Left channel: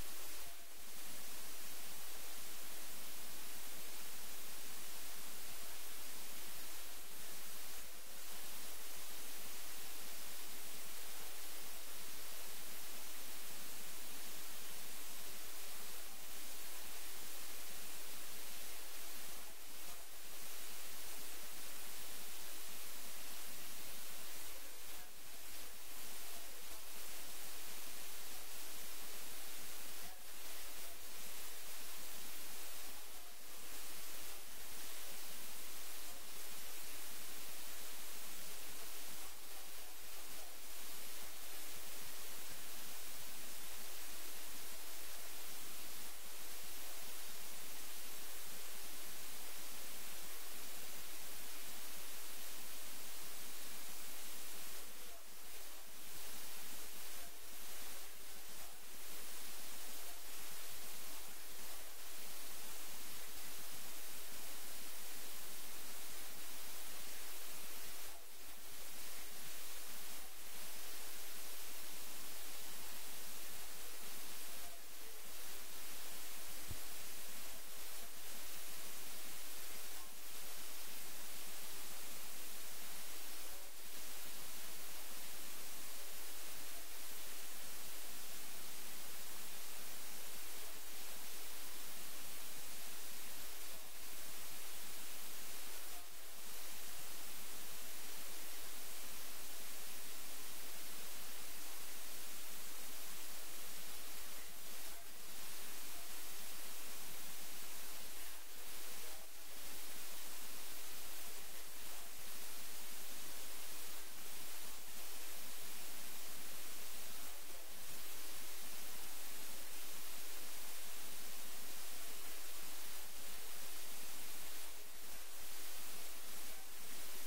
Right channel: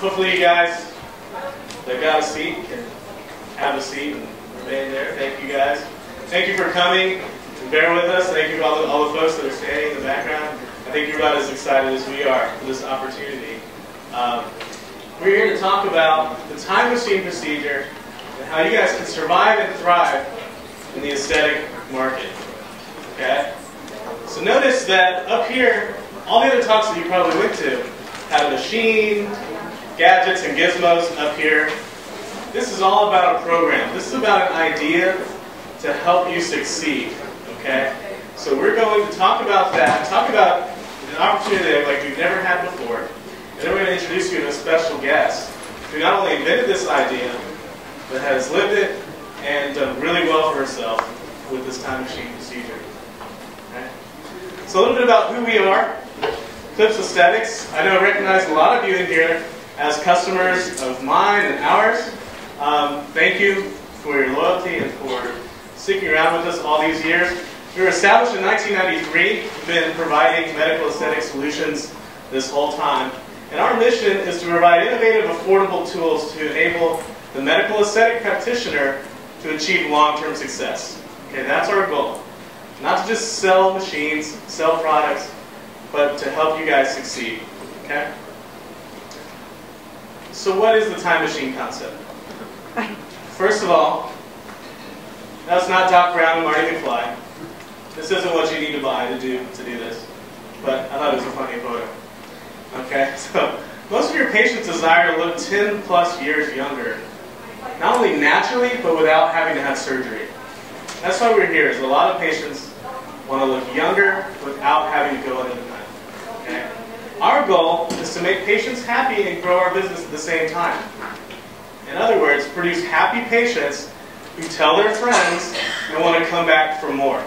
hopefully you guys that got a seat can have a seat and remain there. Thank you guys. Thank you for coming and bear with us. Thank you to all the folks that are standing in the background. I think you're about as excited as we are for this opportunity. We're here to talk about the time machine procedure and how you guys can survive and thrive in the aesthetic market. Okay? So notice that up here, all the other talks that you probably went to had a machine, gadgets, and gizmos up here. This is all about a program. This is about an idea to help you succeed. Okay? So we're going to talk about that, talk about an opportunity like we've never had before, and then we're going to introduce you to a special guest who not only invented this idea, but has lived it and done really well for herself with this time machine procedure. Okay? So a little bit about who we are. Clips Aesthetics. I know I recognize a lot of you in here as customers of mine and ours. Thank you for your loyalty and for sticking around with us all these years. We were established in 1993. We've been providing medical aesthetic solutions this whole time. And our mission is to provide innovative, affordable tools to enable the medical aesthetic practitioner to achieve long-term success. Okay, that's our goal. Not to just sell machines, sell products, but to help you guys succeed. Okay? So what is the time machine concept? First of all, that's not Doc Brown and Marty McFly. This isn't what you need to buy to do this. But I thought it was a funny photo. Okay, so most of your patients desire to look 10 plus years younger. Not only naturally, but without having to have surgery. That's why we're here, is a lot of patients want to look younger without having to go into the time. Okay? Our goal is to make patients happy and grow our business at the same time. In other words, produce happy patients who tell their friends and want to come back for more.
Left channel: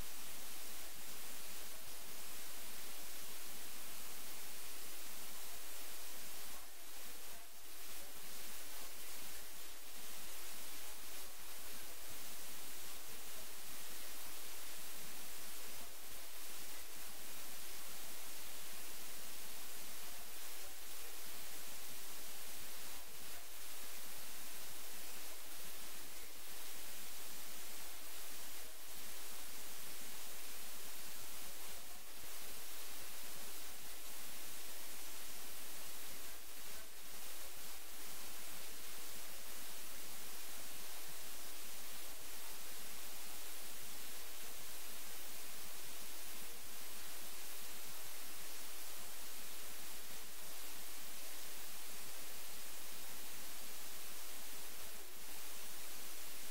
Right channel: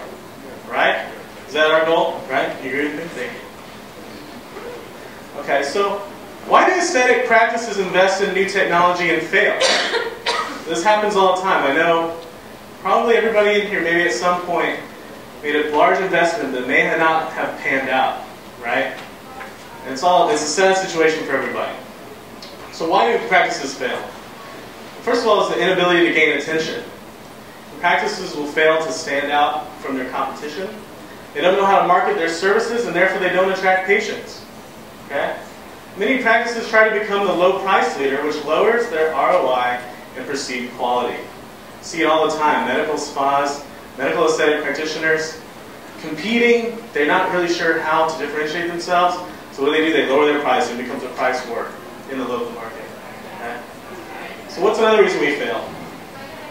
Right? Is that our goal? Right? You agree with me? Thank you. Okay, so why do aesthetic practices invest in new technology and fail? This happens all the time. I know probably everybody in here maybe at some point made a large investment that may not have panned out, right? And it's a sad situation for everybody. So why do practices fail? First of all, it's the inability to gain attention. Practices will fail to stand out from their competition. They don't know how to market their services, and therefore they don't attract patients. Okay? Many practices try to become the low price leader, which lowers their ROI and perceived quality. See it all the time. Medical spas, medical aesthetic practitioners competing. They're not really sure how to differentiate themselves. So what do? They lower their price and it becomes a price war in the local market. Okay? So what's another reason we fail?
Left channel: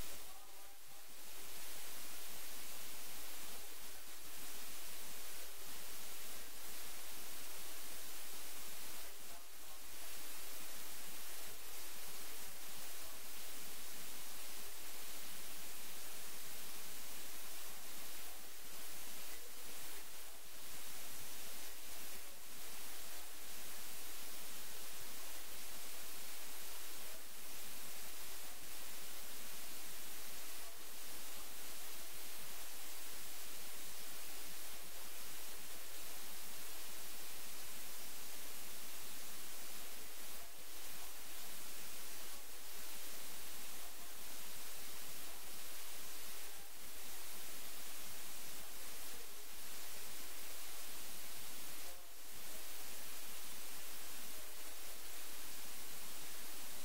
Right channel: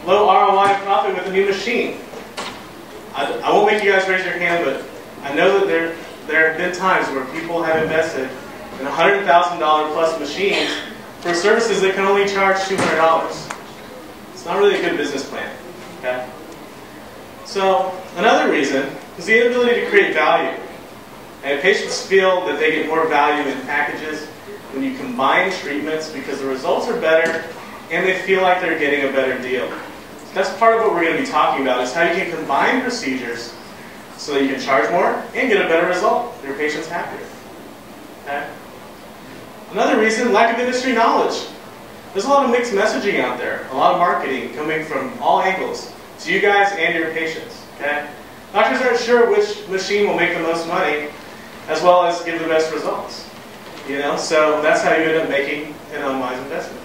Low ROI profit with a new machine. I won't make you guys raise your hand, but I know that there have been times where people have invested in $100,000 plus machines for services that can only charge $200. It's not really a good business plan. Okay? So another reason is the inability to create value. And patients feel that they get more value in packages when you combine treatments because the results are better and they feel like they're getting a better deal. So that's part of what we're going to be talking about, is how you can combine procedures so that you can charge more and get a better result. Your patient's happier. Okay? Another reason, lack of industry knowledge. There's a lot of mixed messaging out there, a lot of marketing coming from all angles to you guys and your patients. Okay? Doctors aren't sure which machine will make the most money as well as give the best results. You know, so that's how you end up making an unwise investment.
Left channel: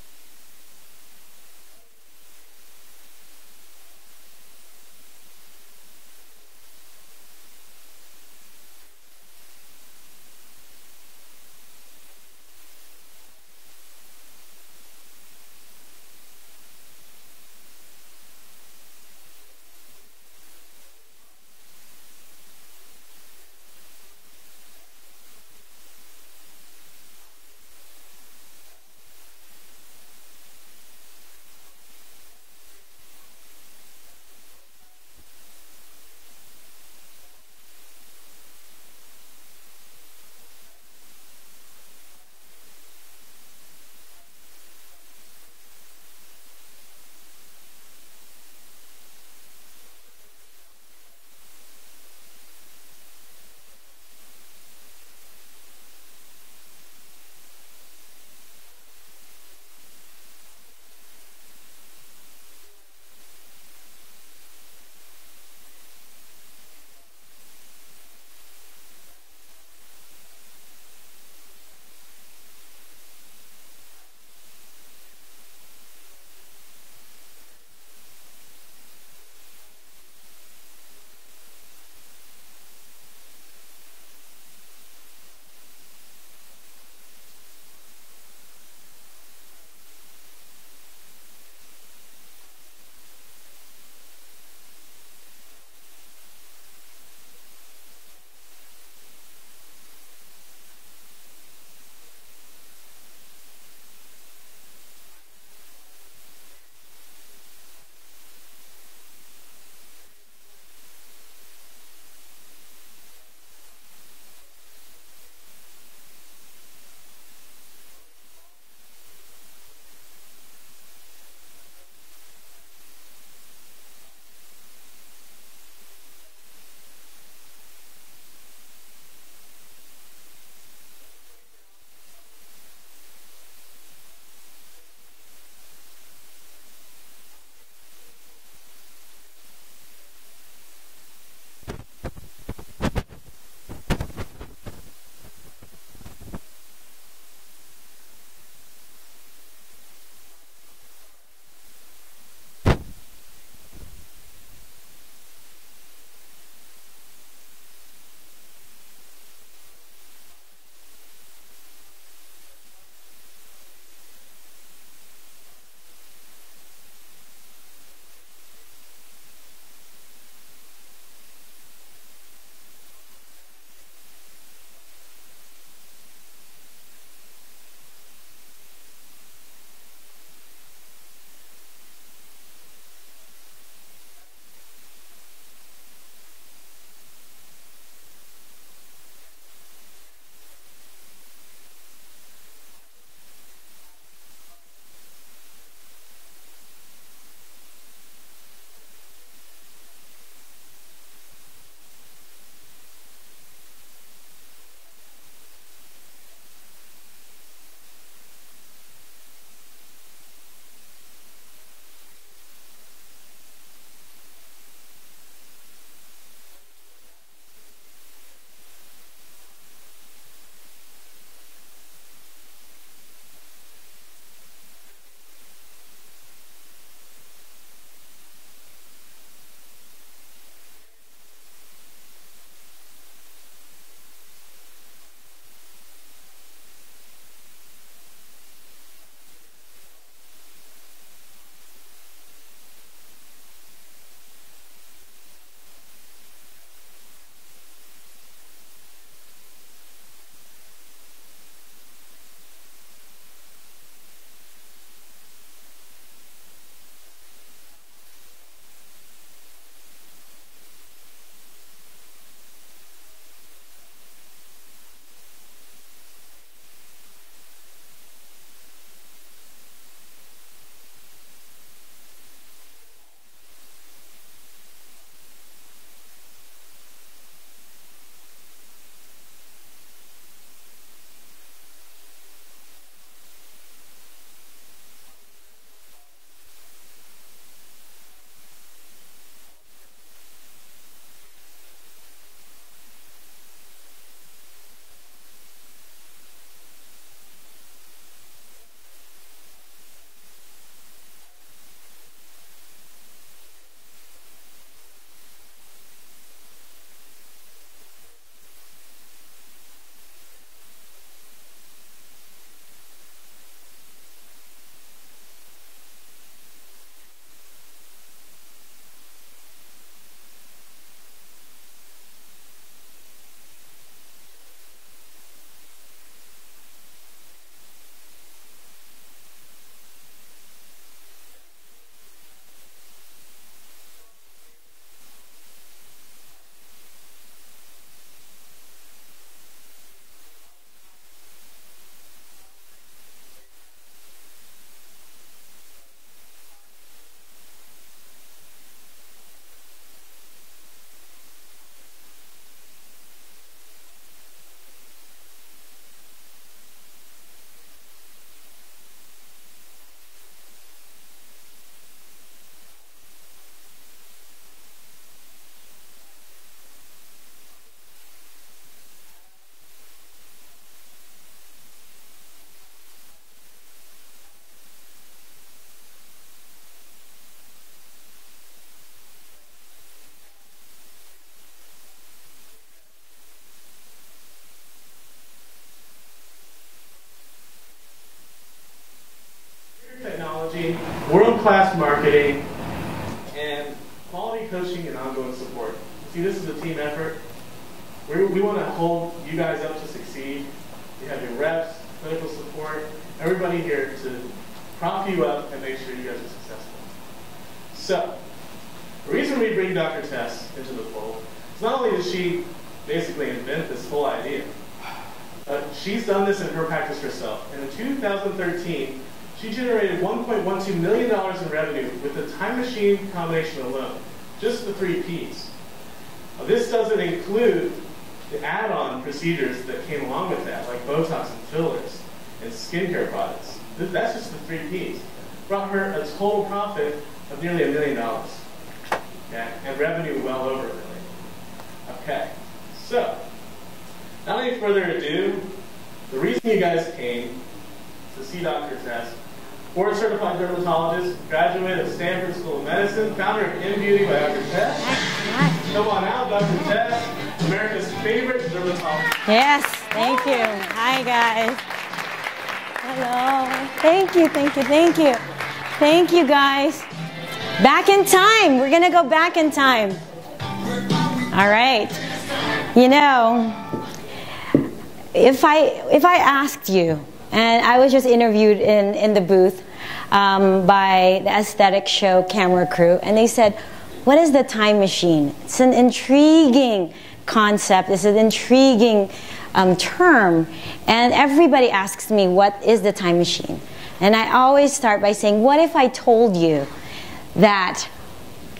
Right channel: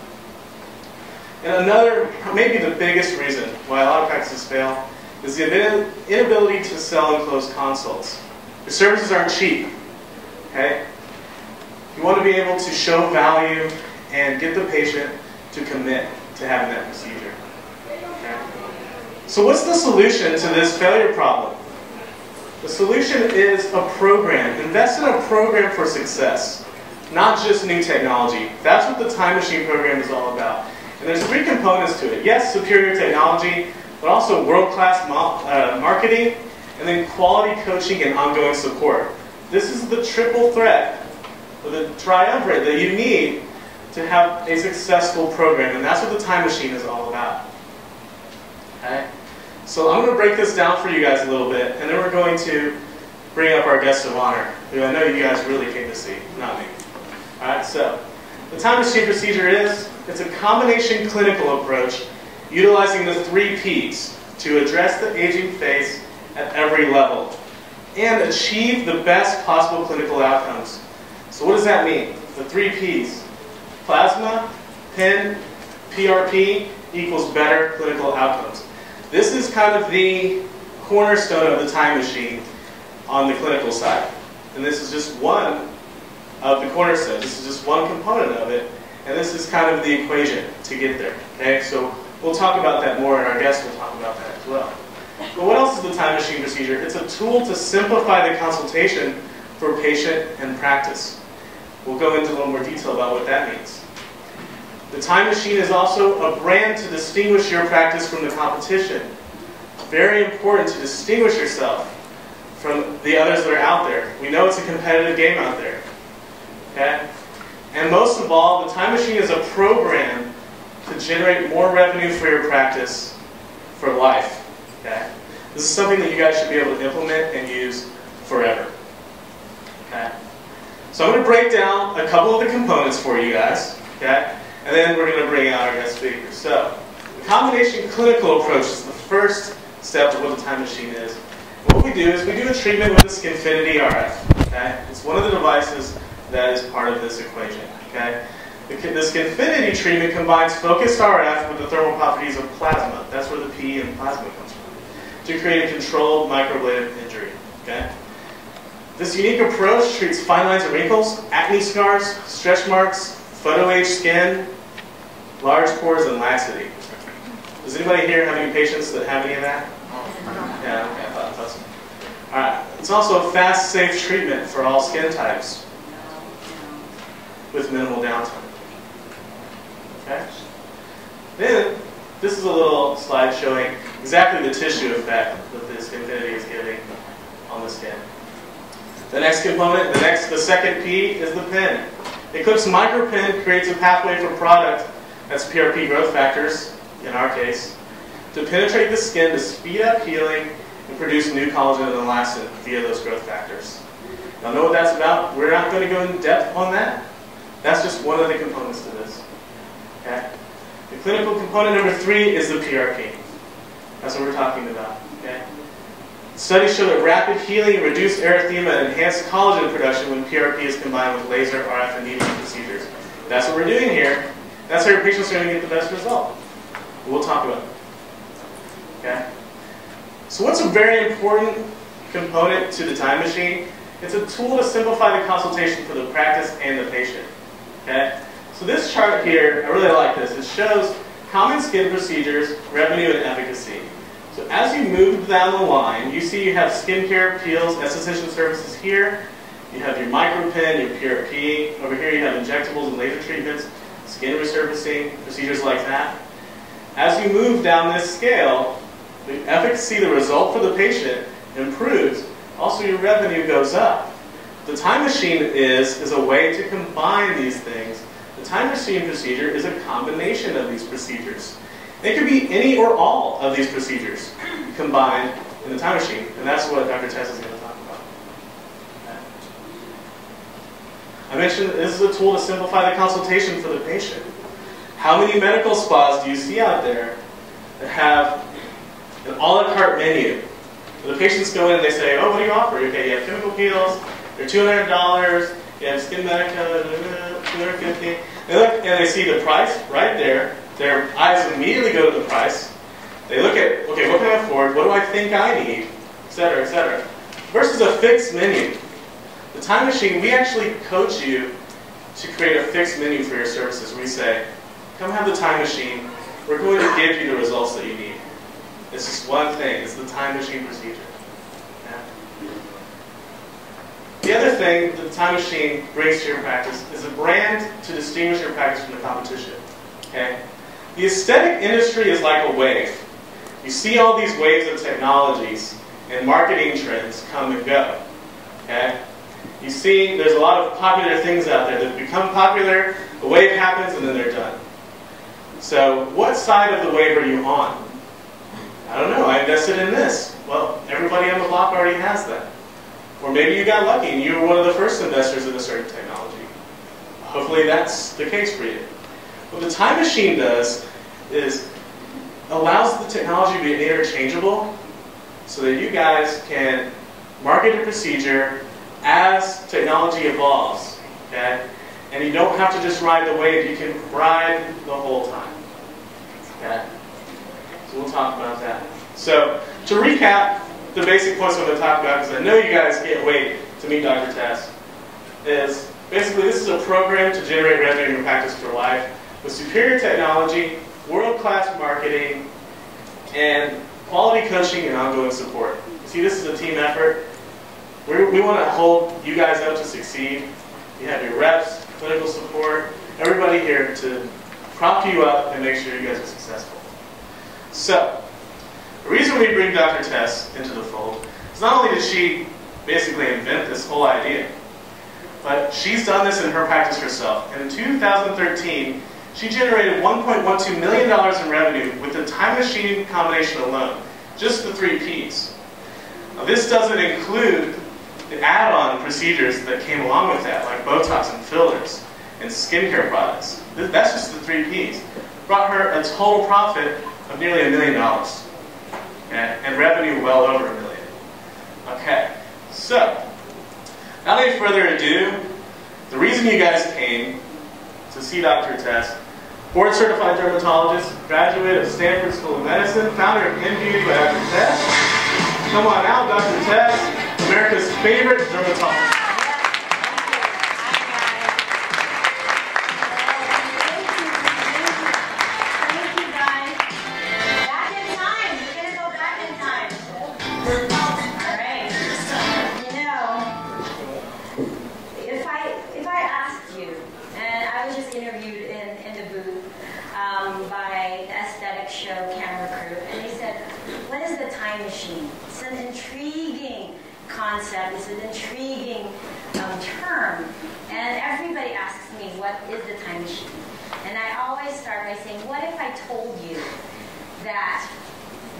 And another, maybe the biggest reason why a lot of practices fail is the inability to sell and close consults. Your services aren't cheap. Okay? You want to be able to show value and get the patient to commit to having that procedure. Okay? So what's the solution to this failure problem? The solution is a program. Invest in a program for success, not just new technology. That's what the time machine program is all about. And there's 3 components to it. Yes, superior technology, but also world-class marketing, and then quality coaching and ongoing support. This is the triple threat, or the triumvirate that you need to have a successful program, and that's what the time machine is all about. Okay? So I'm going to break this down for you guys a little bit, and then we're going to bring up our guest of honor, who I know you guys really came to see, not me. All right, so the The time machine procedure is, it's a combination clinical approach utilizing the 3 Ps to address the aging face at every level and achieve the best possible clinical outcomes. So what does that mean? The 3 Ps, plasma, PIN, PRP equals better clinical outcomes. This is kind of the cornerstone of the time machine on the clinical side. And this is just one of the cornerstones. This is just one component of it. And this is kind of the equation to get there. Okay, so we'll talk about that more, and our guests will talk about that as well. But what else is the time machine procedure? It's a tool to simplify the consultation for patient and practice. We'll go into a little more detail about what that means. The time machine is also a brand to distinguish your practice from the competition. Very important to distinguish yourself from the others that are out there. We know it's a competitive game out there. Okay? And most of all, the time machine is a program to generate more revenue for your practice for life. Okay? This is something that you guys should be able to implement and use forever. Okay? So I'm going to break down a couple of the components for you guys. Okay? And then we're going to bring out our guest speakers. So, the combination clinical approach is the first step of what the time machine is. And what we do is we do a treatment with the Skinfinity RF. Okay? It's one of the devices that is part of this equation. Okay? The Skinfinity treatment combines focused RF with the thermal properties of plasma. That's where the P in plasma comes from. To create a controlled microablative injury. Okay? This unique approach treats fine lines and wrinkles, acne scars, stretch marks, photo-age skin, large pores, and laxity. Does anybody here have any patients that have any of that? Yeah, okay, I thought that's awesome. All right. It's also a fast, safe treatment for all skin types with minimal downtime. Okay? Then, this is a little slide showing exactly the tissue effect that this Skinfinity is giving on the skin. The next component, the second P is the PIN. Eclipse micropin creates a pathway for product, that's PRP growth factors, in our case, to penetrate the skin to speed up healing and produce new collagen and elastin via those growth factors. Now, know what that's about? We're not going to go in depth on that. That's just one of the components to this. Okay? The clinical component number 3 is the PRP. That's what we're talking about. Okay? Studies show that rapid healing and reduced erythema and enhanced collagen production when PRP is combined with laser, RF, and needling procedures. That's what we're doing here. That's how your patients are going to get the best result. We'll talk about it. Okay? So what's a very important component to the time machine? It's a tool to simplify the consultation for the practice and the patient. Okay? So this chart here, I really like this. It shows common skin procedures, revenue, and efficacy. So as you move down the line, you see you have skincare, peels, esthetician services here. You have your micropin, your PRP. Over here you have injectables and laser treatments, skin resurfacing, procedures like that. As you move down this scale, the efficacy, the result for the patient improves. Also, your revenue goes up. The time machine is a way to combine these things. The time machine procedure is a combination of these procedures. It could be any or all of these procedures combined in the time machine, and that's what Dr. Tess is going to talk about. Okay. I mentioned this is a tool to simplify the consultation for the patient. How many medical spas do you see out there that have an a la carte menu? So the patients go in and they say, oh, what do you offer? Okay, you have chemical peels, they're $200, you have skin medica, $250. They look and they see the price right there. Their eyes immediately go to the price. They look at, okay, what can I afford? What do I think I need? Et cetera, et cetera. Versus a fixed menu. The time machine, we actually coach you to create a fixed menu for your services. We say, come have the time machine. We're going to give you the results that you need. It's just one thing. It's the time machine procedure. Yeah. The other thing that the time machine brings to your practice is a brand to distinguish your practice from the competition. Okay? The aesthetic industry is like a wave. You see all these waves of technologies and marketing trends come and go. Okay? You see there's a lot of popular things out there that become popular, a wave happens, and then they're done. So what side of the wave are you on? I don't know, I invested in this. Well, everybody on the block already has that. Or maybe you got lucky and you were one of the first investors in a certain technology. Hopefully that's the case for you. What the time machine does is allows the technology to be interchangeable so that you guys can market a procedure as technology evolves, okay? And you don't have to just ride the wave, you can ride the whole time, okay? So we'll talk about that. So to recap the basic points I'm going to talk about, because I know you guys can't wait to meet Dr. Tess, is basically this is a program to generate revenue in your practice for life with superior technology, world-class marketing, and quality coaching and ongoing support. See, this is a team effort. We want to hold you guys up to succeed. You have your reps, clinical support, everybody here to prop you up and make sure you guys are successful. So, the reason we bring Dr. Tess into the fold is not only did she basically invent this whole idea, but she's done this in her practice herself. And in 2013, she generated $1.12 million in revenue with the time machine combination alone, just the 3 Ps. Now, this doesn't include the add-on procedures that came along with that, like Botox and fillers and skincare products. That's just the 3 Ps. Brought her a total profit of nearly $1 million, and revenue well over $1 million. Okay, so, without any further ado, the reason you guys came to see Dr. Tess, board-certified dermatologist, graduate of Stanford School of Medicine, founder of InBeauty by Dr. Tess. Come on out, Dr. Tess, America's favorite dermatologist. Yes, thank you. Hi, guys. Hello. Thank you, thank you, thank you. Thank you, guys. Back in time. We're going to go back in time. All right. You know, if I asked you, and I was just interviewed in the booth by the aesthetic show camera crew, and they said, what is the time machine? It's an intriguing concept. It's an intriguing term. And everybody asks me, what is the time machine? And I always start by saying, what if I told you that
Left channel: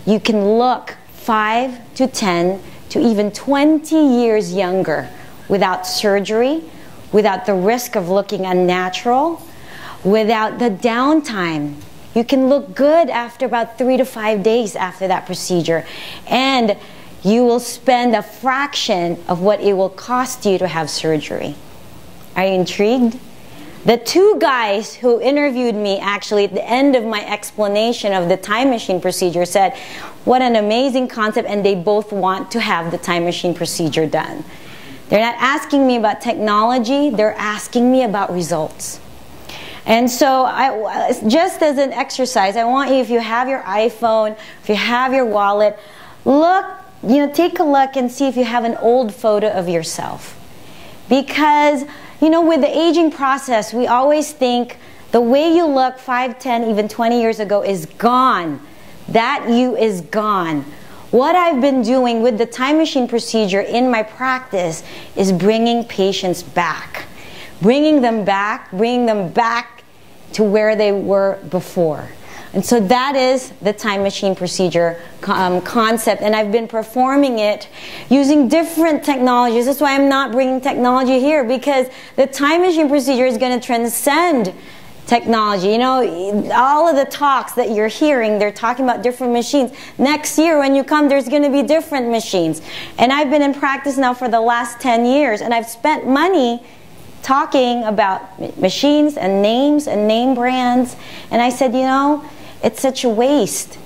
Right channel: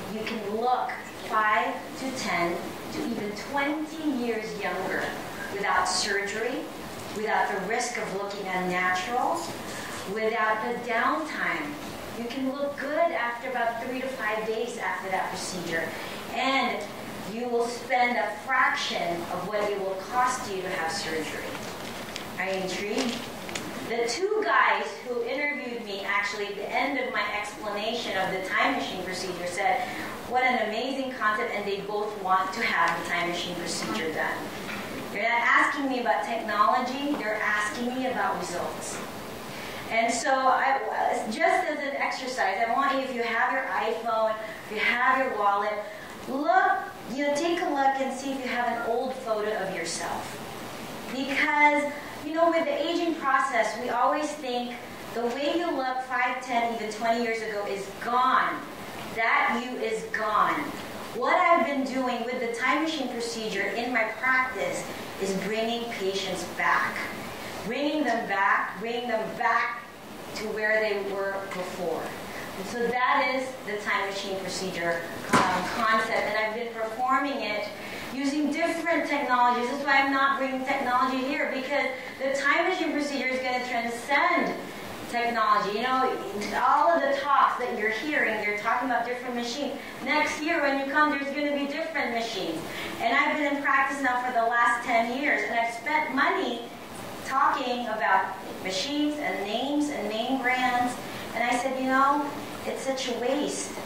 you can look 5 to 10 to even 20 years younger without surgery, without the risk of looking unnatural, without the downtime. You can look good after about 3 to 5 days after that procedure. And you will spend a fraction of what it will cost you to have surgery. Are you intrigued? The 2 guys who interviewed me actually at the end of my explanation of the time machine procedure said, what an amazing concept, and they both want to have the time machine procedure done. They're not asking me about technology, they're asking me about results. And so, just as an exercise, I want you, if you have your iPhone, if you have your wallet, look, take a look and see if you have an old photo of yourself. Because, with the aging process, we always think the way you look 5, 10, even 20 years ago is gone. That you is gone. What I've been doing with the time machine procedure in my practice is bringing patients back. Bringing them back to where they were before. And so that is the time machine procedure concept. And I've been performing it using different technologies. That's why I'm not bringing technology here, because the time machine procedure is going to transcend technology. All of the talks that you're hearing, they're talking about different machines. Next year when you come, there's going to be different machines. And I've been in practice now for the last 10 years, and I've spent money talking about machines and names and name brands. And I said, it's such a waste.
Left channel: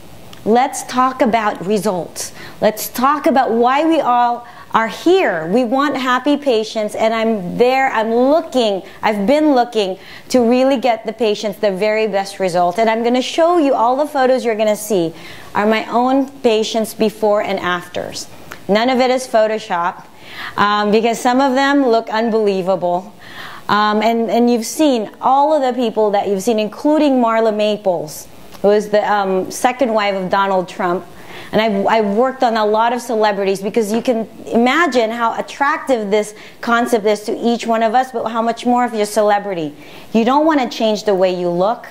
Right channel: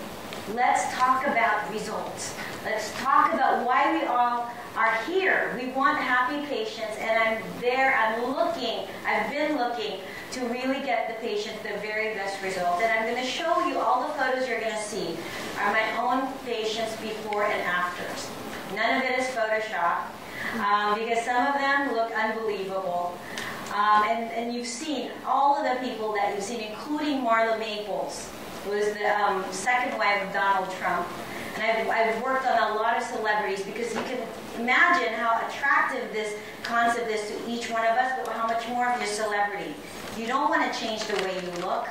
Let's talk about results. Let's talk about why we all are here. We want happy patients, and I've been looking to really get the patients the very best result. And I'm going to show you all the photos you're going to see are my own patients before and afters. None of it is Photoshop, because some of them look unbelievable. And you've seen all of the people that you've seen, including Marla Maples, who is the second wife of Donald Trump. And I've worked on a lot of celebrities, because you can imagine how attractive this concept is to each one of us, but how much more if you're a celebrity. You don't want to change the way you look.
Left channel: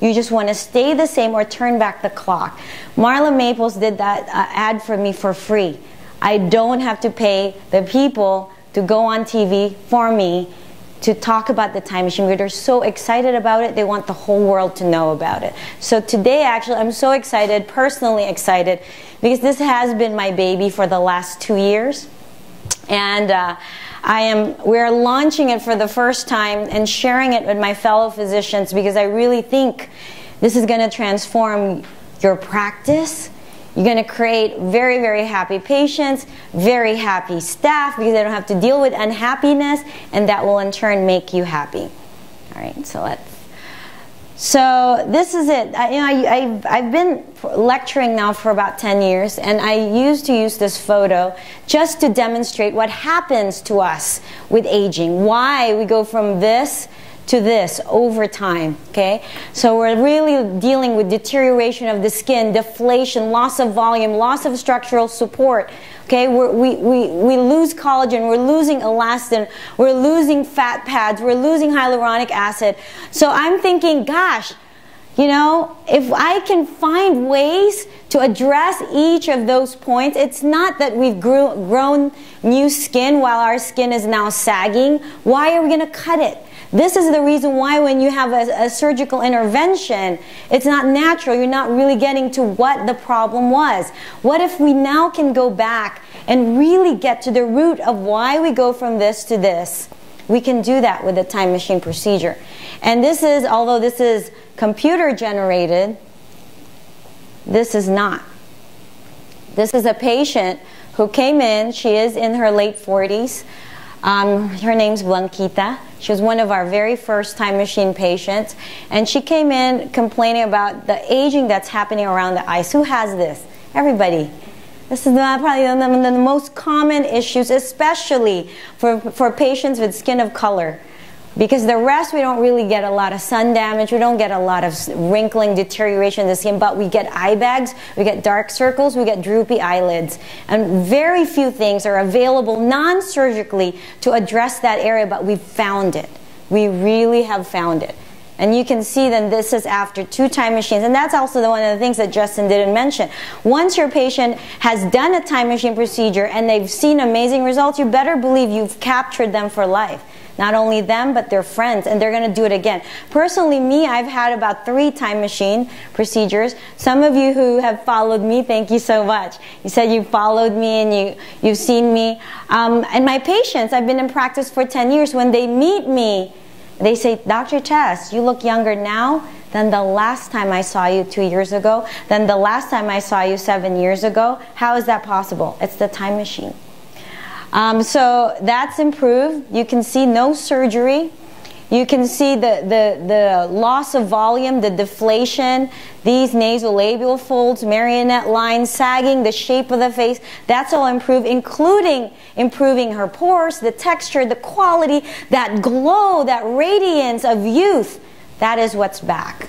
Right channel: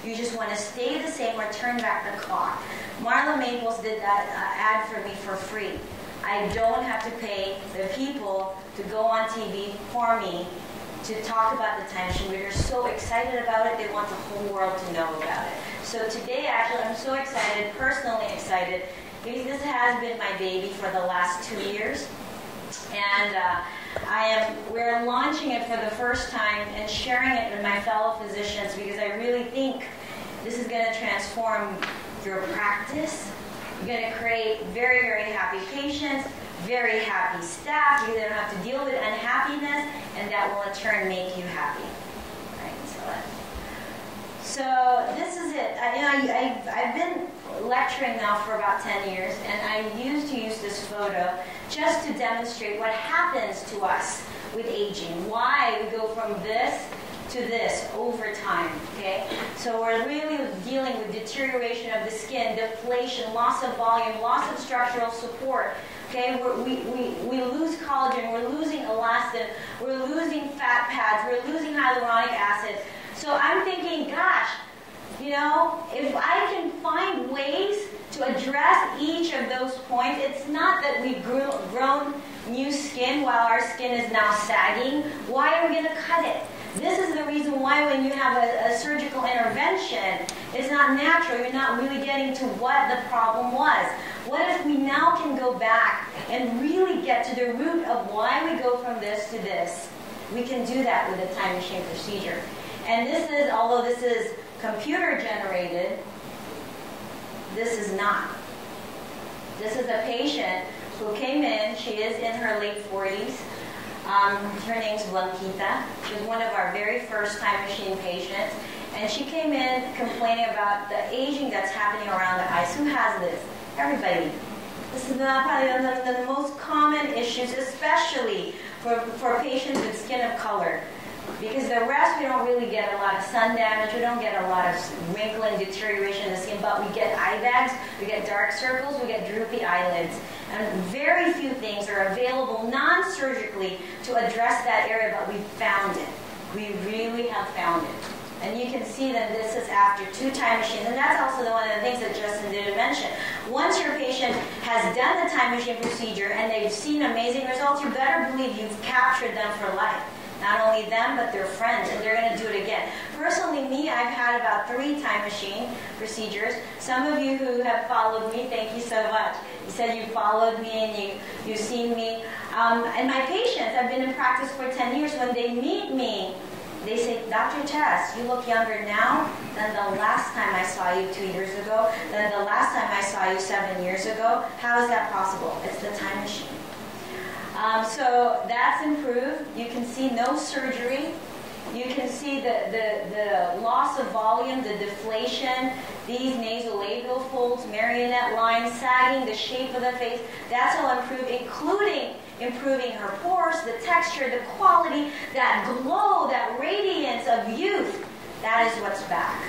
You just want to stay the same or turn back the clock. Marla Maples did that ad for me for free. I don't have to pay the people to go on TV for me to talk about the time machine. They're so excited about it, they want the whole world to know about it. So today, actually, I'm so excited, personally excited, because this has been my baby for the last 2 years. And we're launching it for the first time and sharing it with my fellow physicians, because I really think this is going to transform your practice. You're going to create very, very happy patients, very happy staff, because they don't have to deal with unhappiness, and that will in turn make you happy. All right, so this is it. I've been lecturing now for about 10 years, and I used to use this photo just to demonstrate what happens to us with aging, why we go from this to this over time, okay? So we're really dealing with deterioration of the skin, deflation, loss of volume, loss of structural support, okay? We lose collagen, we're losing elastin, we're losing fat pads, we're losing hyaluronic acid. So I'm thinking, gosh, you know, if I can find ways to address each of those points, it's not that we've grown new skin while our skin is now sagging. Why are we going to cut it? This is the reason why when you have a surgical intervention, it's not natural. You're not really getting to what the problem was. What if we now can go back and really get to the root of why we go from this to this? We can do that with a time machine procedure. And this is, although this is computer generated, this is not. This is a patient who came in. She is in her late 40s. Her name's Blanquita. She was one of our very first time machine patients, and she came in complaining about the aging that's happening around the eyes. Who has this? Everybody. This is probably one of the most common issues, especially for patients with skin of color. Because the rest, we don't really get a lot of sun damage, we don't get a lot of wrinkling, deterioration of the skin, but we get eye bags, we get dark circles, we get droopy eyelids. And very few things are available non-surgically to address that area, but we've found it. We really have found it. And you can see then this is after 2 time machines. And that's also one of the things that Justin didn't mention. Once your patient has done a time machine procedure and they've seen amazing results, you better believe you've captured them for life. Not only them, but their friends, and they're going to do it again. Personally, me, I've had about 3 time machine procedures. Some of you who have followed me, thank you so much. You said you followed me and you've seen me. And my patients, I've been in practice for 10 years. When they meet me, they say, Dr. Tess, you look younger now than the last time I saw you 2 years ago, than the last time I saw you 7 years ago. How is that possible? It's the time machine. So that's improved. You can see no surgery. You can see the loss of volume, the deflation, these nasolabial folds, marionette lines, sagging, the shape of the face. That's all improved, including improving her pores, the texture, the quality, that glow, that radiance of youth. That is what's back.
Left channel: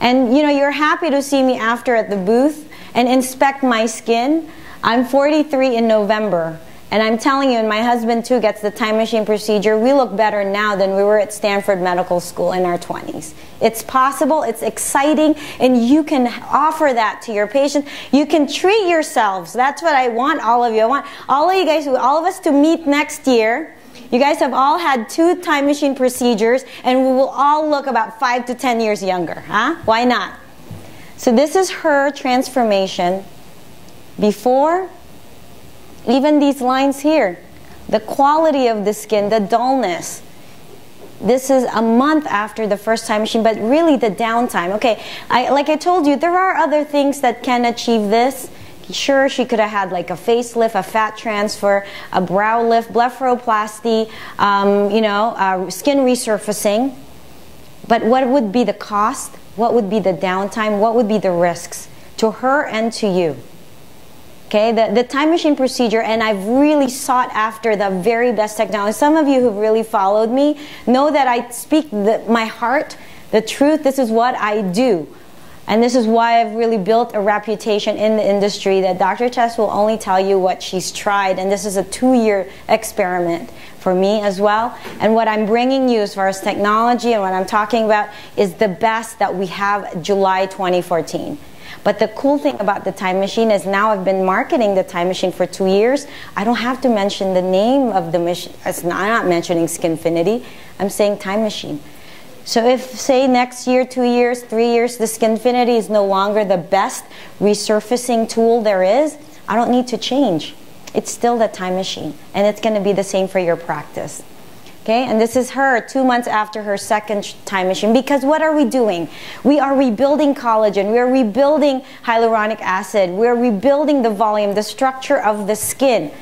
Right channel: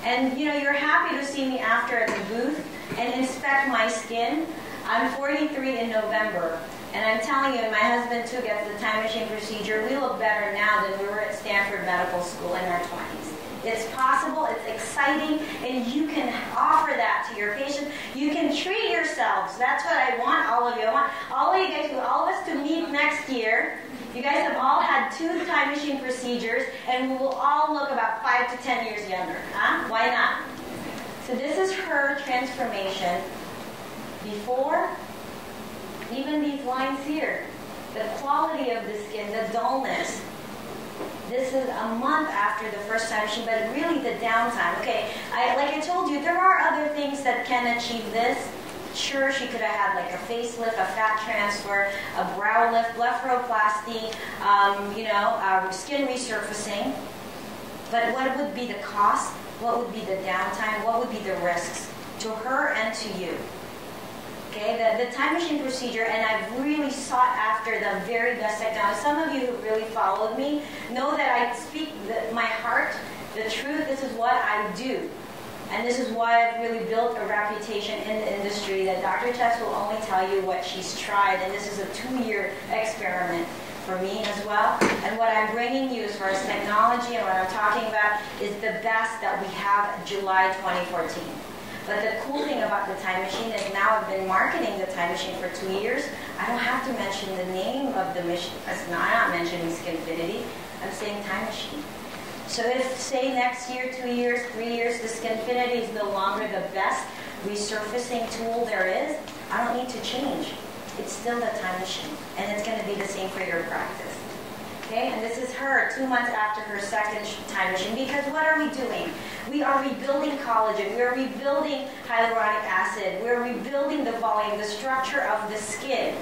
And you know, you're happy to see me after at the booth and inspect my skin. I'm 43 in November. And I'm telling you, and my husband too gets the time machine procedure, we look better now than we were at Stanford Medical School in our 20s. It's possible, it's exciting, and you can offer that to your patients. You can treat yourselves. That's what I want all of you. I want all of you guys, all of us to meet next year. You guys have all had 2 time machine procedures, and we will all look about 5 to 10 years younger. Huh? Why not? So this is her transformation before. Even these lines here, the quality of the skin, the dullness. This is a month after the first time machine, but really the downtime. Okay, like I told you, there are other things that can achieve this. Sure, she could have had like a facelift, a fat transfer, a brow lift, blepharoplasty, skin resurfacing. But what would be the cost? What would be the downtime? What would be the risks to her and to you? Okay, the time machine procedure, and I've really sought after the very best technology. Some of you who've really followed me know that I speak my heart, the truth. This is what I do. And this is why I've really built a reputation in the industry, that Dr. Tess will only tell you what she's tried. And this is a 2-year experiment for me as well. And what I'm bringing you as far as technology and what I'm talking about is the best that we have July 2014. But the cool thing about the time machine is now I've been marketing the time machine for 2 years. I don't have to mention the name of the machine. I'm not mentioning Skinfinity. I'm saying time machine. So if, say, next year, 2 years, 3 years, the Skinfinity is no longer the best resurfacing tool there is, I don't need to change. It's still the time machine, and it's going to be the same for your practice. Okay, and this is her 2 months after her second time machine. Because what are we doing? We are rebuilding collagen. We are rebuilding hyaluronic acid. We are rebuilding the volume, the structure of the skin.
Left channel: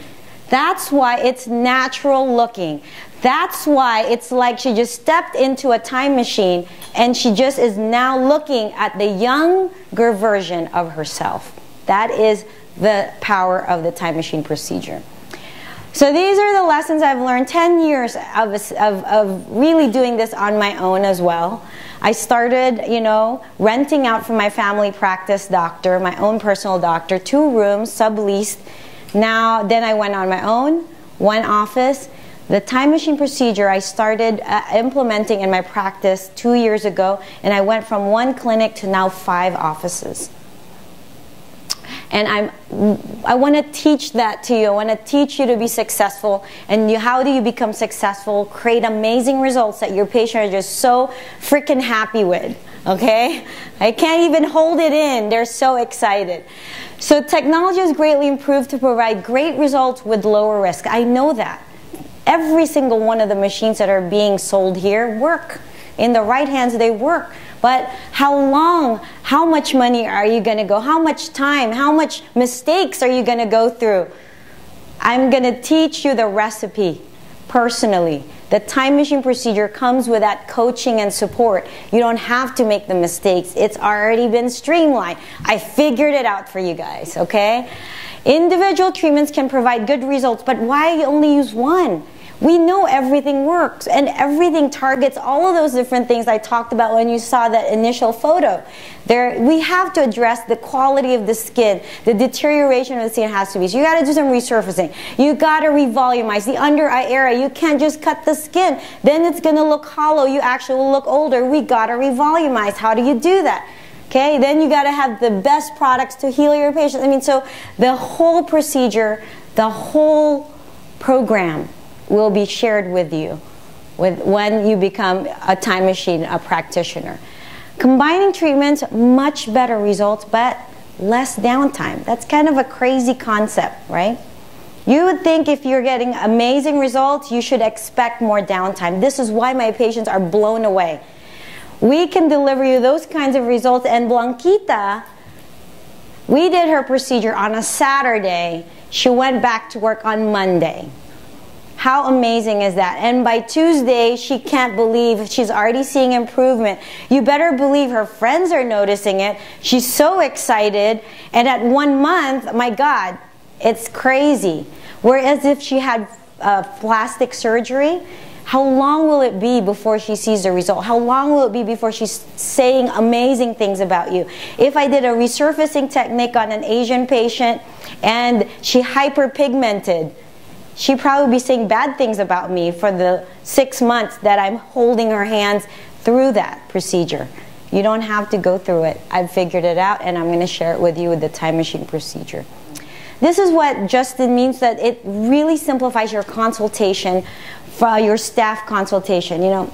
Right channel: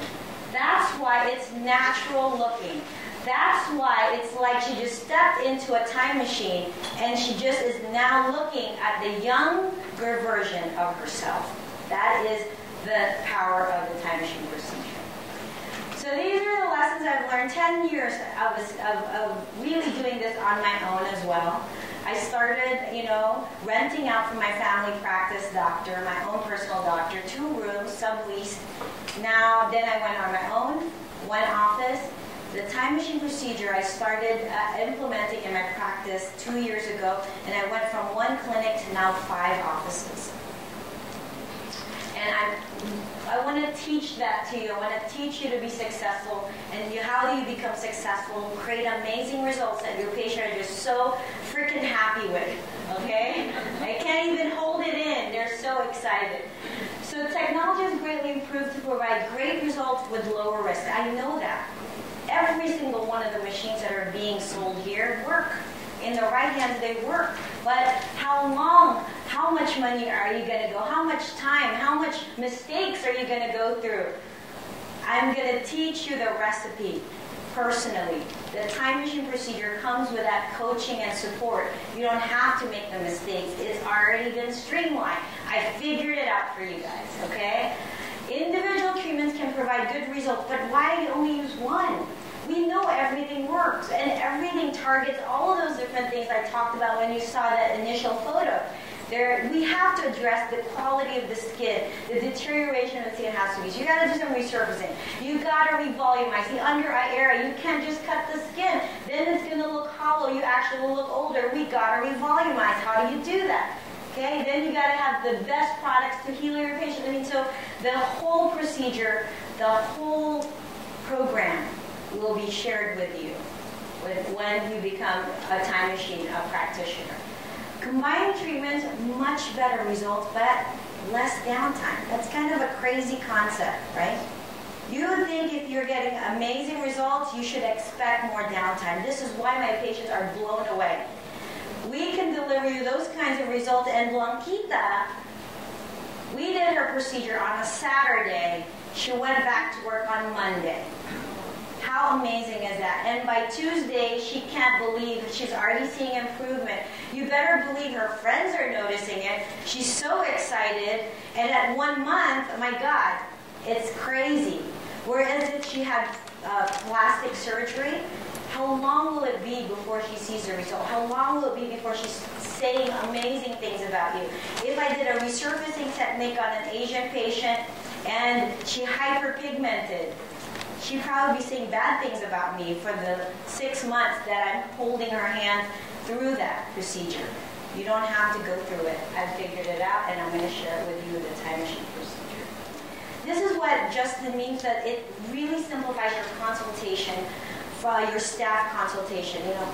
That's why it's natural looking. That's why it's like she just stepped into a time machine and she just is now looking at the younger version of herself. That is the power of the time machine procedure. So these are the lessons I've learned. 10 years of really doing this on my own as well. I started, you know, renting out from my family practice doctor, my own personal doctor, 2 rooms, subleased. Now, then I went on my own, 1 office. The time machine procedure I started implementing in my practice 2 years ago, and I went from 1 clinic to now 5 offices. And I want to teach that to you. I want to teach you to be successful. And how do you become successful? Create amazing results that your patient are just so freaking happy with. Okay? I can't even hold it in. They're so excited. So technology has greatly improved to provide great results with lower risk. I know that. Every single one of the machines that are being sold here work. In the right hands, they work. But how long, how much money are you going to go? How much time, how much mistakes are you going to go through? I'm going to teach you the recipe personally. The time machine procedure comes with that coaching and support. You don't have to make the mistakes. It's already been streamlined. I figured it out for you guys, okay? Individual treatments can provide good results, but why only use one? We know everything works, and everything targets all of those different things I talked about when you saw that initial photo. We have to address the quality of the skin. The deterioration of the skin has to be. So you got to do some resurfacing. You got to revolumize the under eye area. You can't just cut the skin. Then it's going to look hollow. You actually will look older. We got to revolumize. How do you do that? Okay, then you got to have the best products to heal your patient. I mean, so the whole procedure, the whole program will be shared with you when you become a time machine, a practitioner. Combining treatments, much better results, but less downtime. That's kind of a crazy concept, right? You would think if you're getting amazing results, you should expect more downtime. This is why my patients are blown away. We can deliver you those kinds of results. And Blanquita, we did her procedure on a Saturday. She went back to work on Monday. How amazing is that? And by Tuesday, she can't believe she's already seeing improvement. You better believe her friends are noticing it. She's so excited. And at 1 month, my God, it's crazy. Whereas if she had plastic surgery, how long will it be before she sees the result? How long will it be before she's saying amazing things about you? If I did a resurfacing technique on an Asian patient and she hyperpigmented, she'd probably be saying bad things about me for the 6 months that I'm holding her hands through that procedure. You don't have to go through it. I've figured it out, and I'm going to share it with you with the time machine procedure. This is what Justin means, that it really simplifies your consultation, for your staff consultation. You know,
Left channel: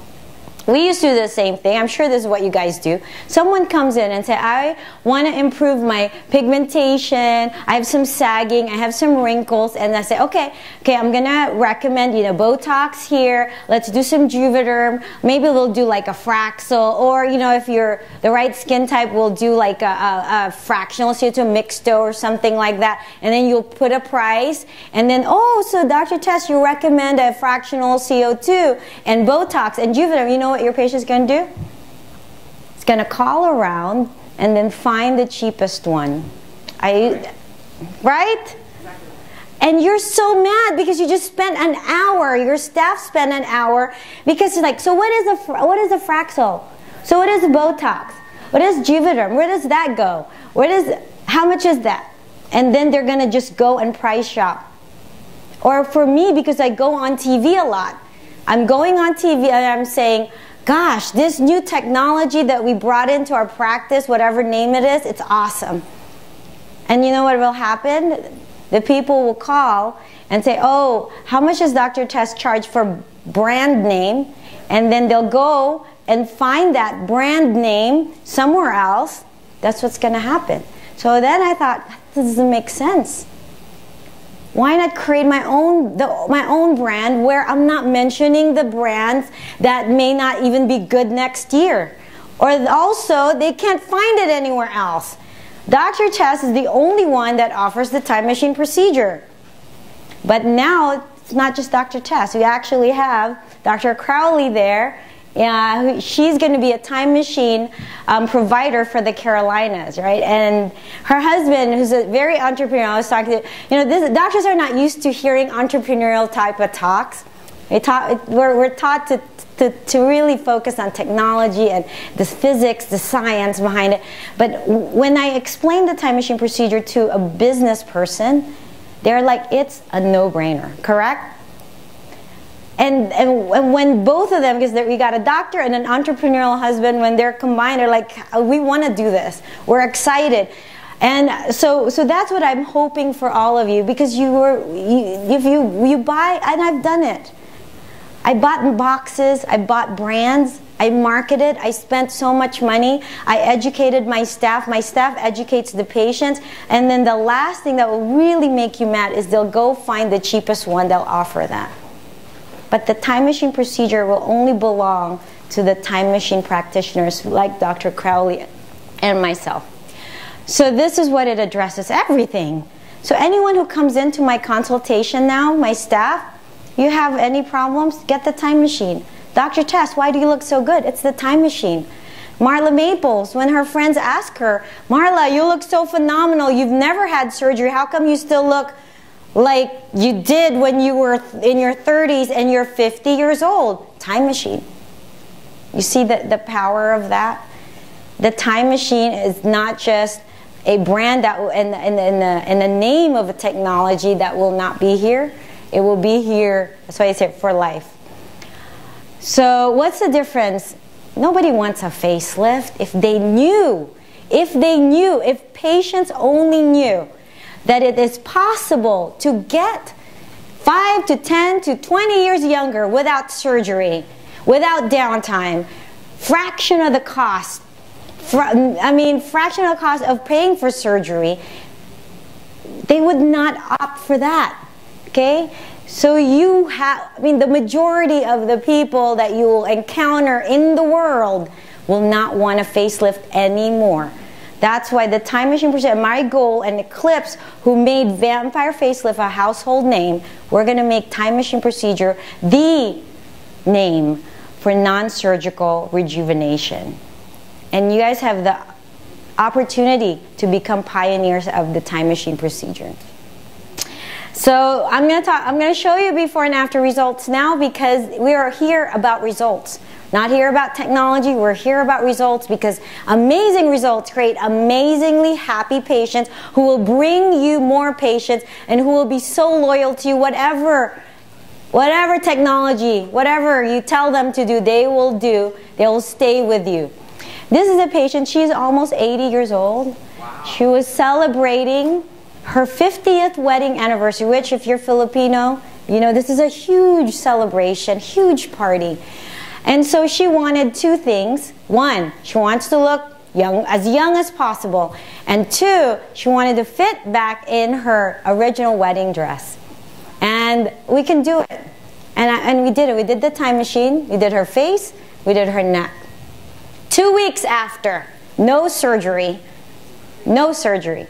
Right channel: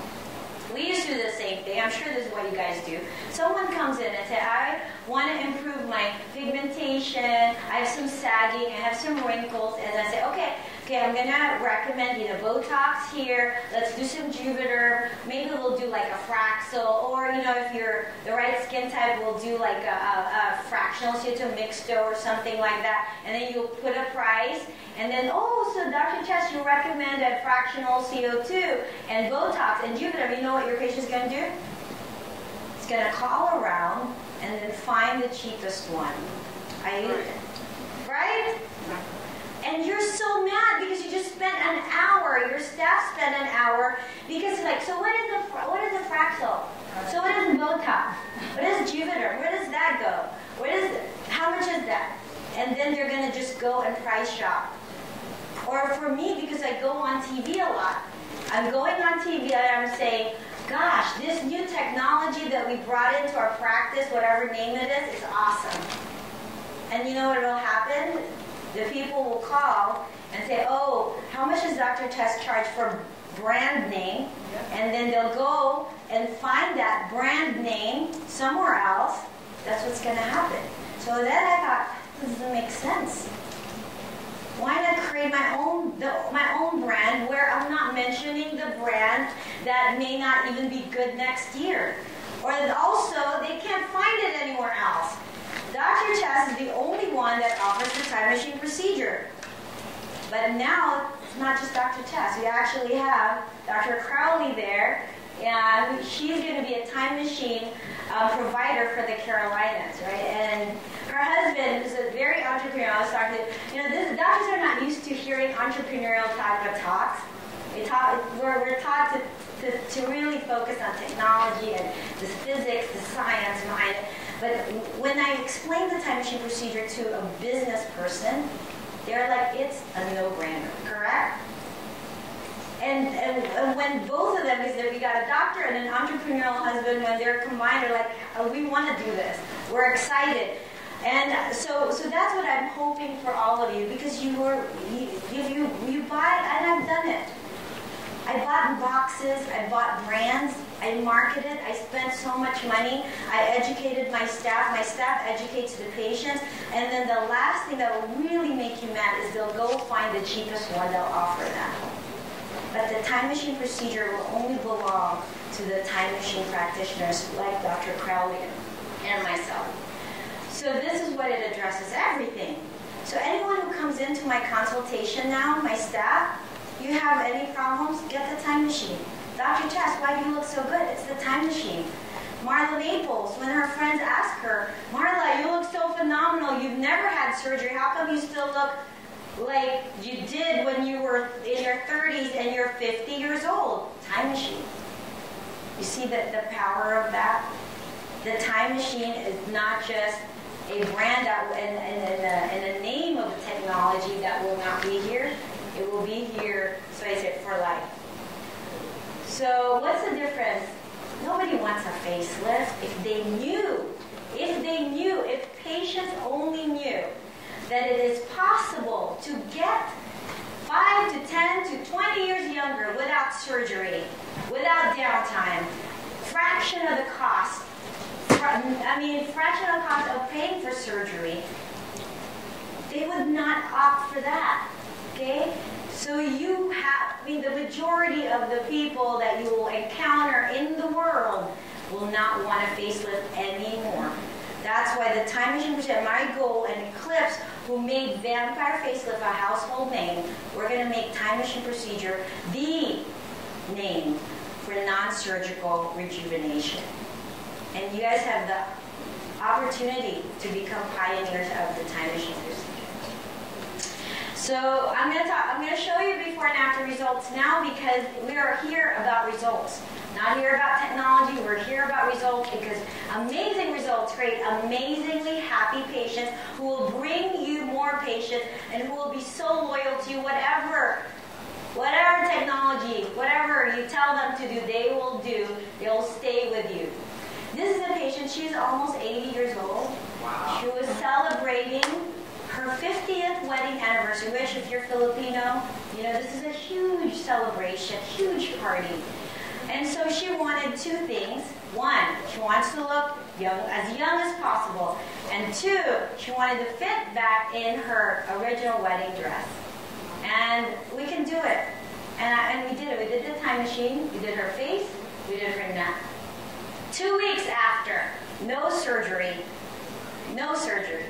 we used to do the same thing. I'm sure this is what you guys do. Someone comes in and says, I want to improve my pigmentation. I have some sagging. I have some wrinkles. And I say, okay, I'm going to recommend, you know, Botox here. Let's do some Juvederm. Maybe we'll do like a Fraxel. Or, you know, if you're the right skin type, we'll do like a fractional CO2 mixto or something like that. And then you'll put a price. And then, oh, so Dr. Tess, you recommend a fractional CO2 and Botox and Juvederm. You know what your patient's going to do? It's going to call around and then find the cheapest one. Right? And you're so mad because you just spent an hour. Your staff spent an hour because it's like, so what is a Fraxel? So what is Botox? What is Juvederm? Where does that go? How much is that? And then they're going to just go and price shop. Or for me, because I go on TV a lot, I'm going on TV and I'm saying, gosh, this new technology that we brought into our practice, whatever name it is, it's awesome. And you know what will happen? The people will call and say, oh, how much does Dr. Tess charge for brand name? and then they'll go and find that brand name somewhere else. That's what's going to happen. So then I thought, this doesn't make sense. Why not create my own brand where I'm not mentioning the brands that may not even be good next year? Or also, they can't find it anywhere else. Dr. Tess is the only one that offers the time machine procedure. But now, it's not just Dr. Tess. We actually have Dr. Crowley there. She's going to be a time machine provider for the Carolinas, right? And her husband, who's a very entrepreneurial, I was talking to, doctors are not used to hearing entrepreneurial type of talks. We're taught to really focus on technology and the physics, the science behind it. But when I explain the time machine procedure to a business person, they're like, it's a no-brainer, correct? And when both of them, because we got a doctor and an entrepreneurial husband, when they're combined, they're like, we want to do this. We're excited. And so that's what I'm hoping for all of you, because if you buy, and I've done it. I bought boxes, I bought brands, I marketed, I spent so much money, I educated my staff educates the patients, and then the last thing that will really make you mad is they'll go find the cheapest one, they'll offer that. But the time machine procedure will only belong to the time machine practitioners like Dr. Crowley and myself. So this is what it addresses, everything. So anyone who comes into my consultation now, my staff, you have any problems, get the time machine. Dr. Tess, why do you look so good? It's the time machine. Marla Maples, when her friends ask her, Marla, you look so phenomenal. You've never had surgery. How come you still look like you did when you were in your 30s and you're 50 years old? Time machine. You see the power of that? The time machine is not just a brand that and a name of a technology that will not be here. It will be here, that's why I say for life. So what's the difference? Nobody wants a facelift. If patients only knew that it is possible to get 5 to 10 to 20 years younger without surgery, without downtime, fraction of the cost of paying for surgery, they would not opt for that. Okay? So the majority of the people that you will encounter in the world will not want a facelift anymore. That's why the time machine procedure, my goal, and Eclipse, who made Vampire Facelift a household name, we're going to make time machine procedure the name for non-surgical rejuvenation. And you guys have the opportunity to become pioneers of the time machine procedure. So I'm going to show you before and after results now, because we are here about results. Not here about technology, we're here about results, because amazing results create amazingly happy patients who will bring you more patients and who will be so loyal to you. Whatever technology, whatever you tell them to do, they will do. They will stay with you. This is a patient, she's almost 80 years old. She was celebrating her 50th wedding anniversary, which if you're Filipino, you know this is a huge celebration, huge party. And so she wanted two things. One, she wants to look young as possible. And two, she wanted to fit back in her original wedding dress. And we can do it. And we did it. We did the time machine. We did her face. We did her neck. 2 weeks after, no surgery. No surgery.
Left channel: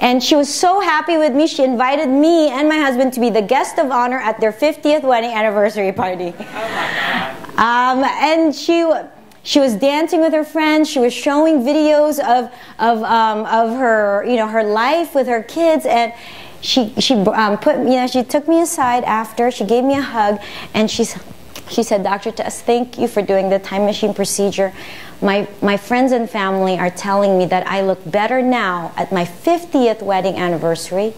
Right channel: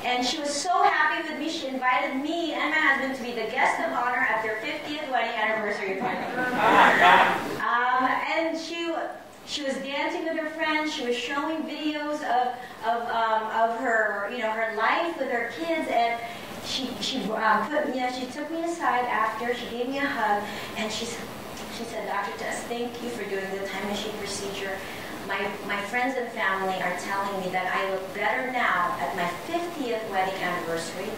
And she was so happy with me, she invited me and my husband to be the guest of honor at their 50th wedding anniversary party. And she was dancing with her friends. She was showing videos of her, her life with her kids. And she took me aside after. She gave me a hug, and she said, Dr. Tess, thank you for doing the time machine procedure. My friends and family are telling me that I look better now at my 50th wedding anniversary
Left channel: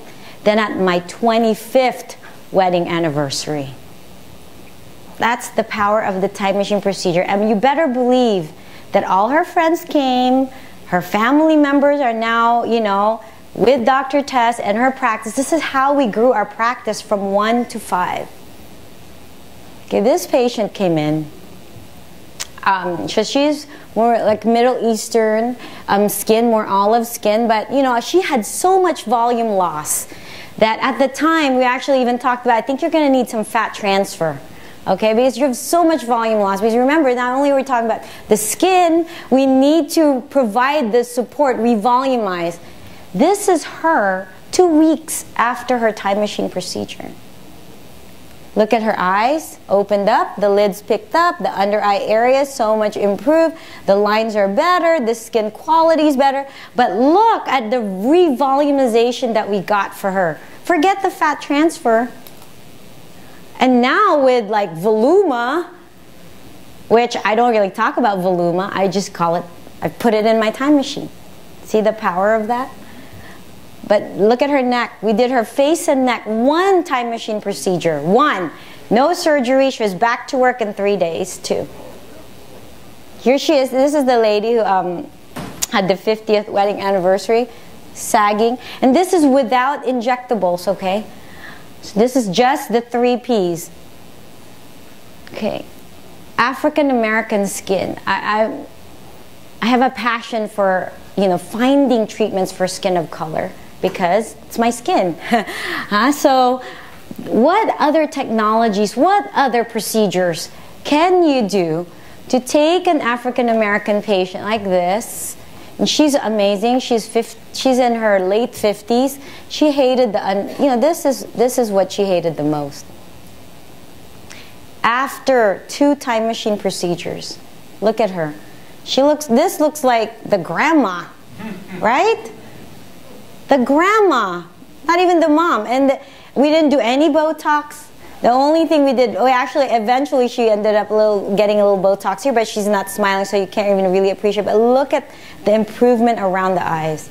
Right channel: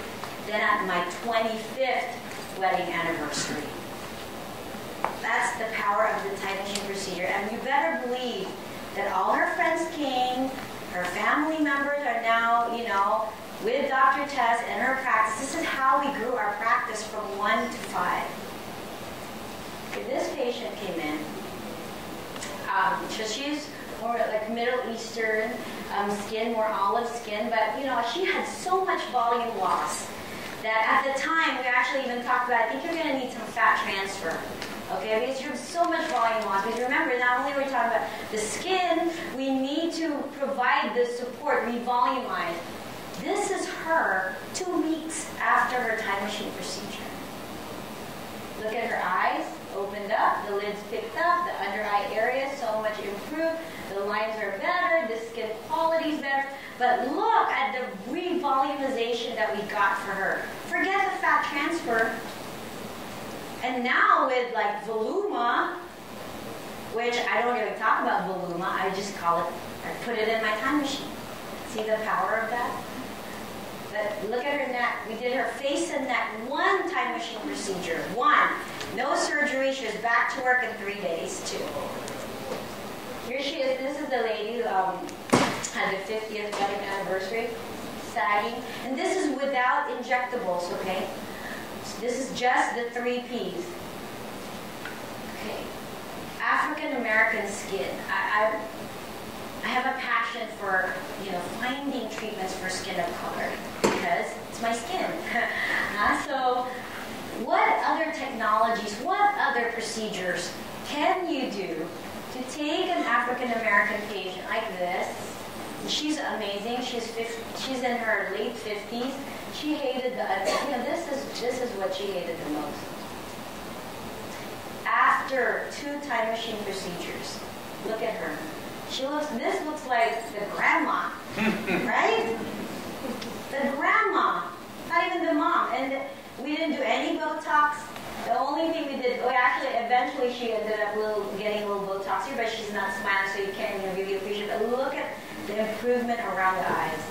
than at my 25th wedding anniversary. That's the power of the time machine procedure. And you better believe that all her friends came, her family members are now, with Dr. Tess and her practice. This is how we grew our practice from 1 to 5. Okay, this patient came in. So she's more like Middle Eastern skin, more olive skin, but you know, she had so much volume loss that at the time we actually even talked about, I think you're going to need some fat transfer. Okay, because you have so much volume loss. Because remember, not only are we talking about the skin, we need to provide the support, revolumize. This is her 2 weeks after her time machine procedure. Look at her eyes, opened up, the lids picked up, the under eye area so much improved, the lines are better, the skin quality is better. But look at the revolumization that we got for her. Forget the fat transfer. And now with like Voluma, which I don't really talk about Voluma, I just call it, I put it in my time machine. See the power of that? But look at her neck. We did her face and neck, 1 time machine procedure, 1. No surgery, she was back to work in 3 days, 2. Here she is, this is the lady who had the 50th wedding anniversary, sagging. And this is without injectables, okay? So this is just the 3 Ps. Okay, African American skin. I have a passion for, you know, finding treatments for skin of color because it's my skin. So what other technologies, what other procedures can you do to take an African American patient like this? And she's amazing. She's in her late 50s. She hated this is what she hated the most. After 2 time machine procedures, look at her. This looks like the grandma, right? The grandma, not even the mom. And we didn't do any Botox. The only thing we did, actually, eventually she ended up getting a little Botox here, but she's not smiling, so you can't even really appreciate it. But look at the improvement around the eyes.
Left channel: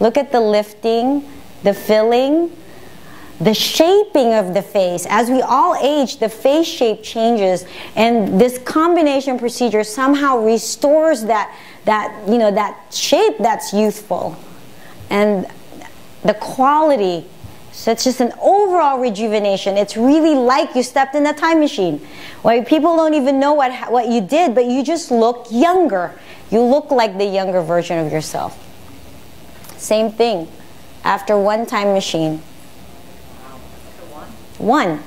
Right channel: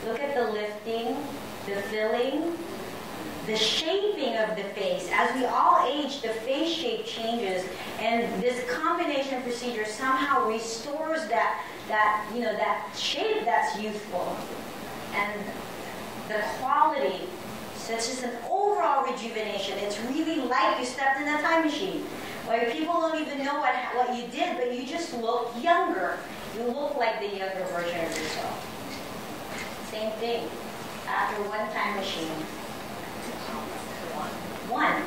Look at the lifting, the filling, the shaping of the face. As we all age, the face shape changes, and this combination procedure somehow restores that shape that's youthful. And the quality, so it's just an overall rejuvenation. It's really like you stepped in a time machine. Where people don't even know what you did, but you just look younger. You look like the younger version of yourself. Same thing. After 1 time machine. 1.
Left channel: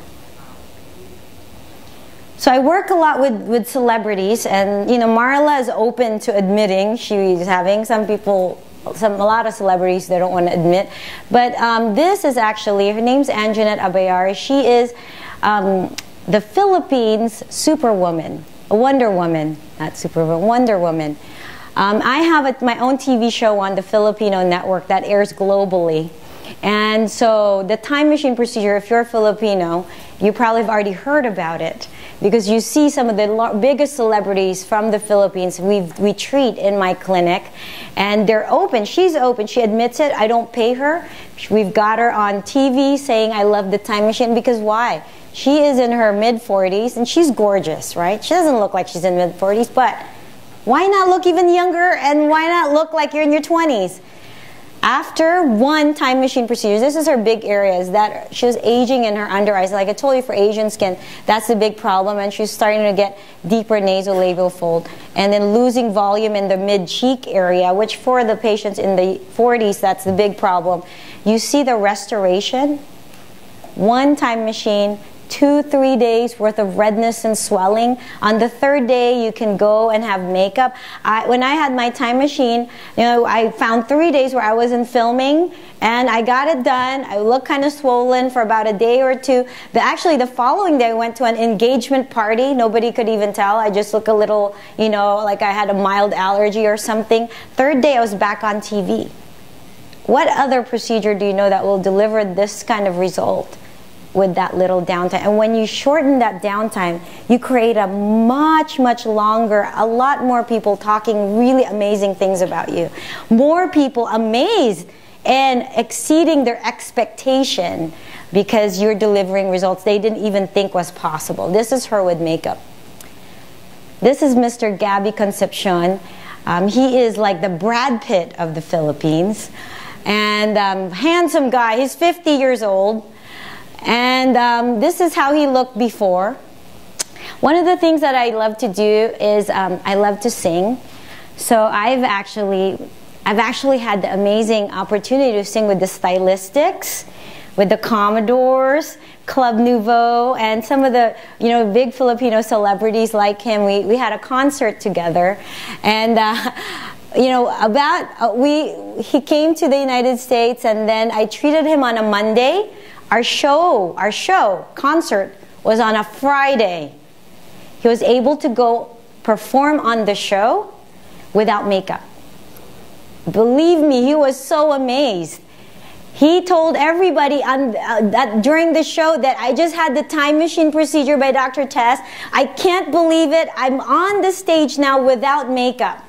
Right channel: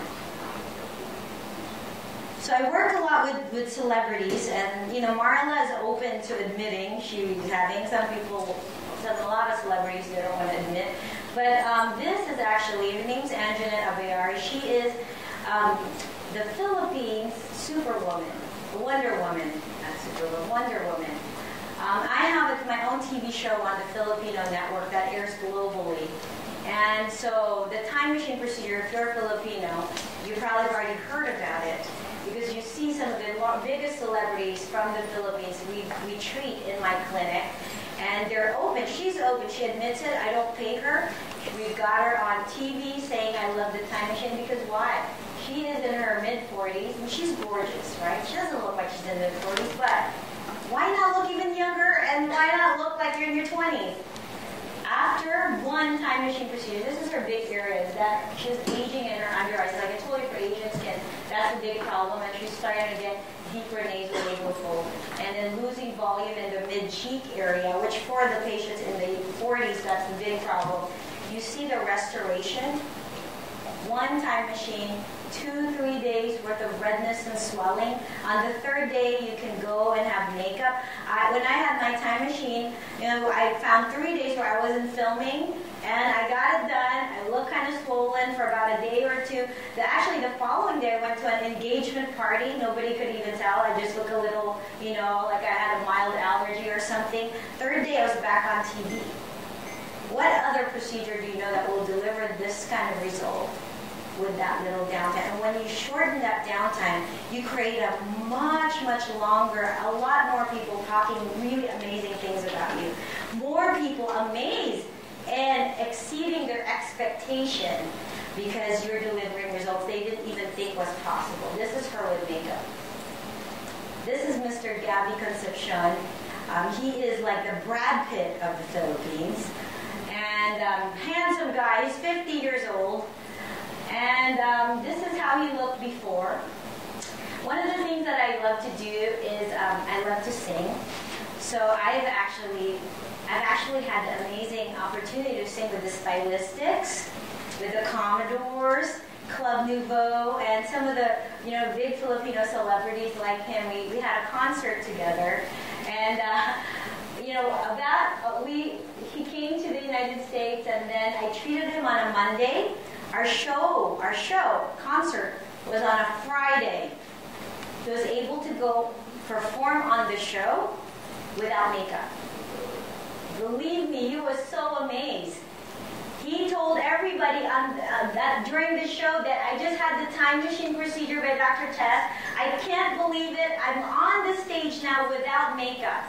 So I work a lot with celebrities, and you know, Marla is open to admitting she's having a lot of celebrities they don't want to admit. But this is actually, her name's Anjanette Abayari. She is the Philippines Superwoman, a Wonder Woman, not Superwoman, Wonder Woman. I have my own TV show on the Filipino network that airs globally. And so the time machine procedure, if you're Filipino, you probably have already heard about it because you see some of the biggest celebrities from the Philippines we treat in my clinic. And they're open. She's open. She admits it. I don't pay her. We've got her on TV saying, I love the time machine. Because why? She is in her mid-40s, and she's gorgeous, right? She doesn't look like she's in mid-40s, but why not look even younger, and why not look like you're in your 20s? After 1 time machine procedure, this is her big area, is that she was aging in her under eyes. Like I told you, for Asian skin, that's the big problem, and she's starting to get deeper nasolabial fold, and then losing volume in the mid-cheek area, which for the patients in the 40s, that's the big problem. You see the restoration, 1 time machine, 2-3 days worth of redness and swelling. On the 3rd day, you can go and have makeup. When I had my time machine, you know, I found 3 days where I wasn't filming, and I got it done. I looked kind of swollen for about a day or 2. Actually, the following day, I went to an engagement party. Nobody could even tell. I just looked a little, you know, like I had a mild allergy or something. 3rd day, I was back on TV. What other procedure do you know that will deliver this kind of result with that little downtime? And when you shorten that downtime, you create a much, much longer, a lot more people talking really amazing things about you. More people amazed and exceeding their expectation because you're delivering results they didn't even think was possible. This is her with makeup. This is Mr. Gabby Concepcion. He is like the Brad Pitt of the Philippines. And handsome guy, he's 50 years old. And this is how he looked before. One of the things that I love to do is I love to sing. So I've actually had the amazing opportunity to sing with the Stylistics, with the Commodores, Club Nouveau, and some of the big Filipino celebrities like him. We had a concert together, and he came to the United States, and then I treated him on a Monday. Our concert was on a Friday. He was able to go perform on the show without makeup. Believe me, he was so amazed. He told everybody that during the show that I just had the time machine procedure by Dr. Tess. I can't believe it. I'm on the stage now without makeup.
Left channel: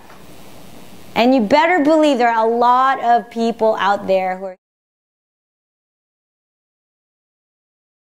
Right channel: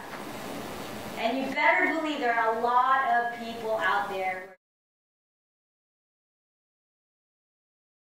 And you better believe there are a lot of people out there who are